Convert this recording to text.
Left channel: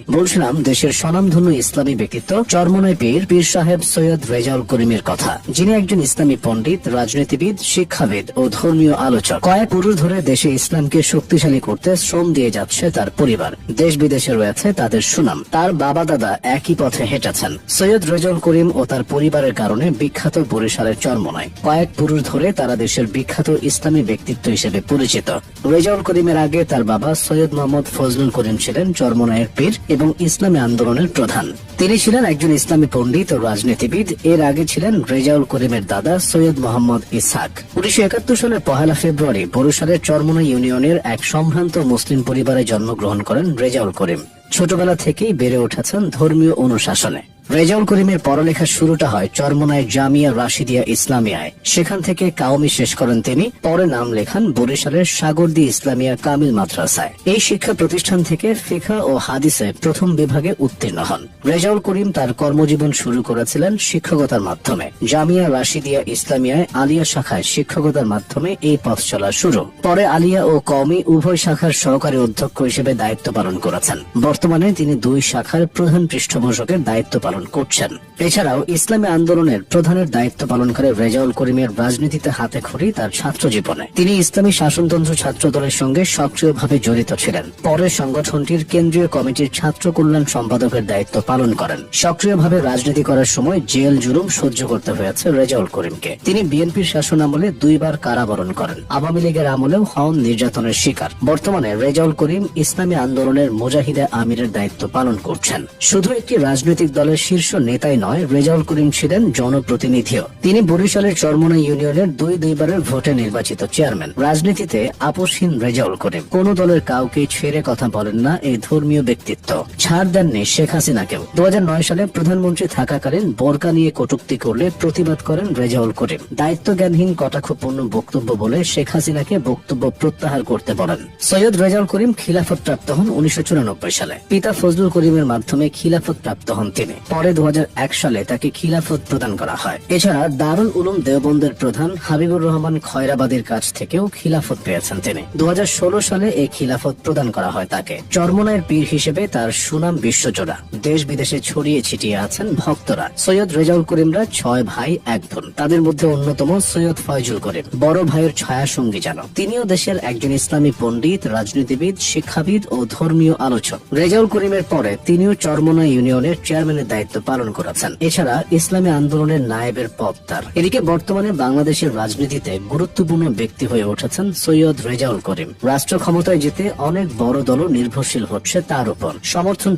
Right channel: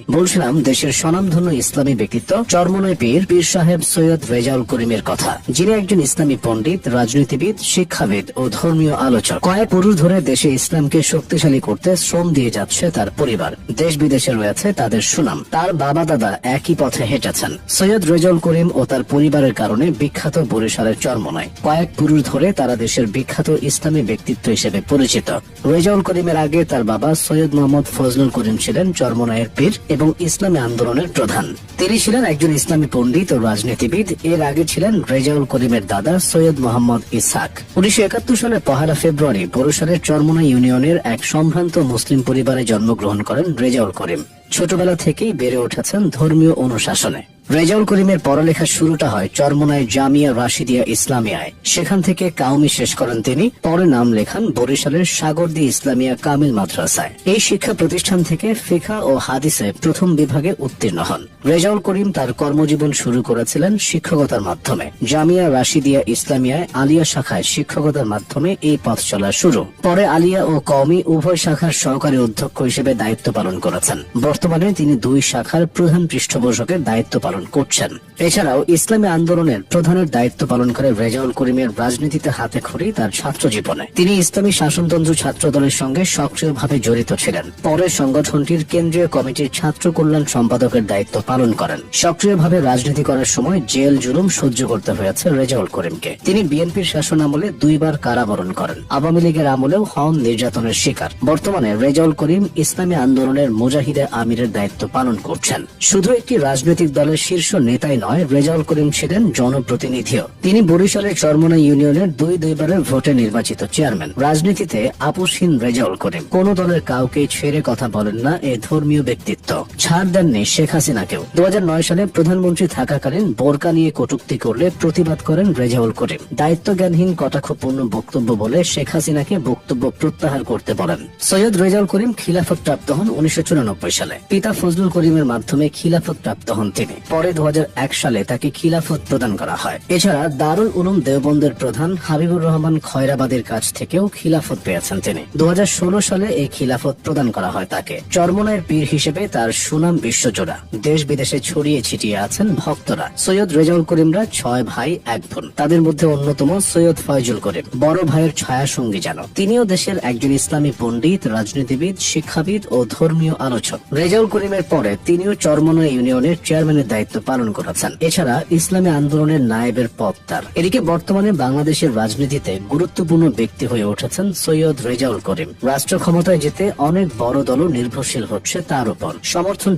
বলছিলাম দেশের স্বনামধন্য ইসলামী ব্যক্তিত্ব চরমনাই পীর সাহেব সৈয়দ রেজাউল করিমের কথা, যিনি একজন ইসলামী পণ্ডিত, রাজনীতিবিদ, শিক্ষাবিদ ও ধর্মীয় আলোচক। কয়েক পুরুষ ধরে দেশে ইসলামকে শক্তিশালী করতে শ্রম দিয়ে যাচ্ছে তার পরিবার। দেশ বিদেশে রয়েছে তাদের সুনাম। তার বাবা দাদা একই পথে হেঁটেছেন। সৈয়দ রেজাউল করিম ও তার পরিবারের কারণে বিখ্যাত বরিশালের চরমনাই। কয়েক পুরুষ ধরে তারা দেশের বিখ্যাত ইসলামী ব্যক্তিত্ব হিসেবে পরিচিত। রেজাউল করিমের আগে তার বাবা সৈয়দ মোহাম্মদ ফজলুল করিম ছিলেন চরমনাইয়ের পীর এবং ইসলামী আন্দোলনের প্রধান। তিনি ছিলেন একজন ইসলামী পণ্ডিত ও রাজনীতিবিদ। এর আগে ছিলেন রেজাউল করিমের দাদা সৈয়দ মোহাম্মদ ইসহাক। 1971 সালের 1 ফেব্রুয়ারি বরিশালের চরমনাই ইউনিয়নের এক সম্ভ্রান্ত মুসলিম পরিবারে জন্মগ্রহণ করেন রেজাউল করিম। ছোটবেলা থেকেই বেড়ে উঠেছেন ধর্মীয় অনুশাসনে। রেজাউল করিমের পড়ালেখার শুরুটা হয় চরমনাই জামিয়া রাশিদিয়া ইসলামিয়ায়। সেখান থেকে কাউমি শেষ করেন তিনি। পরে নাম লেখান বরিশালের সাগরদী ইসলামিয়া কামিল মাদ্রাসায়। এই শিক্ষা প্রতিষ্ঠান থেকে ফিকহ ও হাদিসে প্রথম বিভাগে উত্তীর্ণ হন। রেজাউল করিম তার কর্মজীবন শুরু করেছিলেন শিক্ষকতার মাধ্যমে। জামিয়া রাশিদিয়া ইসলামিয়ায় আলিয়া শাখায় শিক্ষকতার মাধ্যমে এই পথ চলা শুরু। পরে আলিয়া ও কওমি উভয় শাখার সহকারী অধ্যক্ষ হিসেবে দায়িত্ব পালন করেছেন। বর্তমানে তিনি দুই শাখার প্রধান পৃষ্ঠপোষকের দায়িত্ব পালন করছেন। এছাড়াও ইসলামী আন্দোলনের প্রধানের দায়িত্ব পালন করে রেজাউল করিমের রাজনীতিতে হাতে খড়ি তার ছাত্র জীবনে। তিনি ইসলামী শাসনতন্ত্র ছাত্র দলের সঙ্গে সক্রিয়ভাবে জড়িত ছিলেন। পরে সংগঠনটির কেন্দ্রীয় কমিটির ছাত্র কল্যাণ সম্পাদকের দায়িত্ব পালন করেন। সক্রিয়ভাবে রাজনীতি করার সময় জেল জুলুম সহ্য করতে হয়েছে রেজাউল করিমকে। তিনি বিএনপির শাসন আমলে 2 বার কারাবরণ করেন। আওয়ামী লীগের আমলেও হন নির্যাতনের শিকার। বর্তমানে রেজাউল করিম ইসলামী আন্দোলনের মুজাহিদে আমিরের দায়িত্ব পালন করছেন। শুধু একটি রাজনৈতিক দলের শীর্ষ নেতাই নয়, রেজাউল করিম ছিলেন জনপ্রতিনিধিও। তিনি বরিশালের চরমনাই ইউনিয়নের দুইবারের ভোটে নির্বাচিত চেয়ারম্যান। রাজনীতিতে আপোষহীন রেজাউল করিম। কোন দলের কাউকে ছেড়ে কথা বলেন না এই ধর্মীয় ব্যক্তিত্ব। ছাড় দেননি শেখ হাসিনাকেও। 2009 সালে প্রধানমন্ত্রী থাকাকালীন বোরকা নিয়ে কটূক্তি করলে প্রতিবাদ করেন রেজাউল করিম। দায়িত্ব জ্ঞানহীন কটাক্ষপূর্ণ বক্তব্য বলে শেখ হাসিনাকে বক্তব্য প্রত্যাহার করতে বলেন। সৈয়দ রেজাউল করিম খিলাফত প্রাপ্ত হন 1994 সালে। পিতা ফজলুল করিমের মাধ্যমে খিলাফত প্রাপ্ত হন তিনি। পরে 2001 সালে তাকে খিলাফত প্রদান করা হয়। এছাড়া দারুল উলুম দেওবন্দের প্রধান হাবিবুর রহমান খয়রাবাদীর কাছ থেকেও খিলাফত পেয়েছেন তিনি। 2016 সালে এই খিলাফত প্রদান করা হয় তাকে। চরমনাইয়ের পীর হিসেবে তার সুনাম বিশ্বজোড়া। দেশ বিদেশে ছড়িয়ে ছিটিয়ে আছেন ভক্তরা। সৈয়দ রেজাউল করিমরা 6 ভাই 1 বোন। তাদের মধ্যে অন্যতম সৈয়দ ফয়জুল করিম, বড় ভাইয়ের ছায়া সঙ্গী যেন। তিনিও দেশের একজন ইসলামী পণ্ডিত, রাজনীতিবিদ, শিক্ষাবিদ ও ধর্মীয় আলোচক। রেজাউল করিমের পরে তিনিও চরমনাই ইউনিয়নের চেয়ারম্যানের দায়িত্ব পালন করেছেন। এছাড়া ইসলামী আন্দোলনের নায়েবের পদ তার। এদিকে বর্তমানে বাংলাদেশের রাজনীতিতে গুরুত্বপূর্ণ ব্যক্তি হয়ে উঠেছেন সৈয়দ রেজাউল করিম। রাষ্ট্র ক্ষমতায় যেতে অনেক বড় দলও নির্ভরশীল হচ্ছে তার উপর। সমর্থন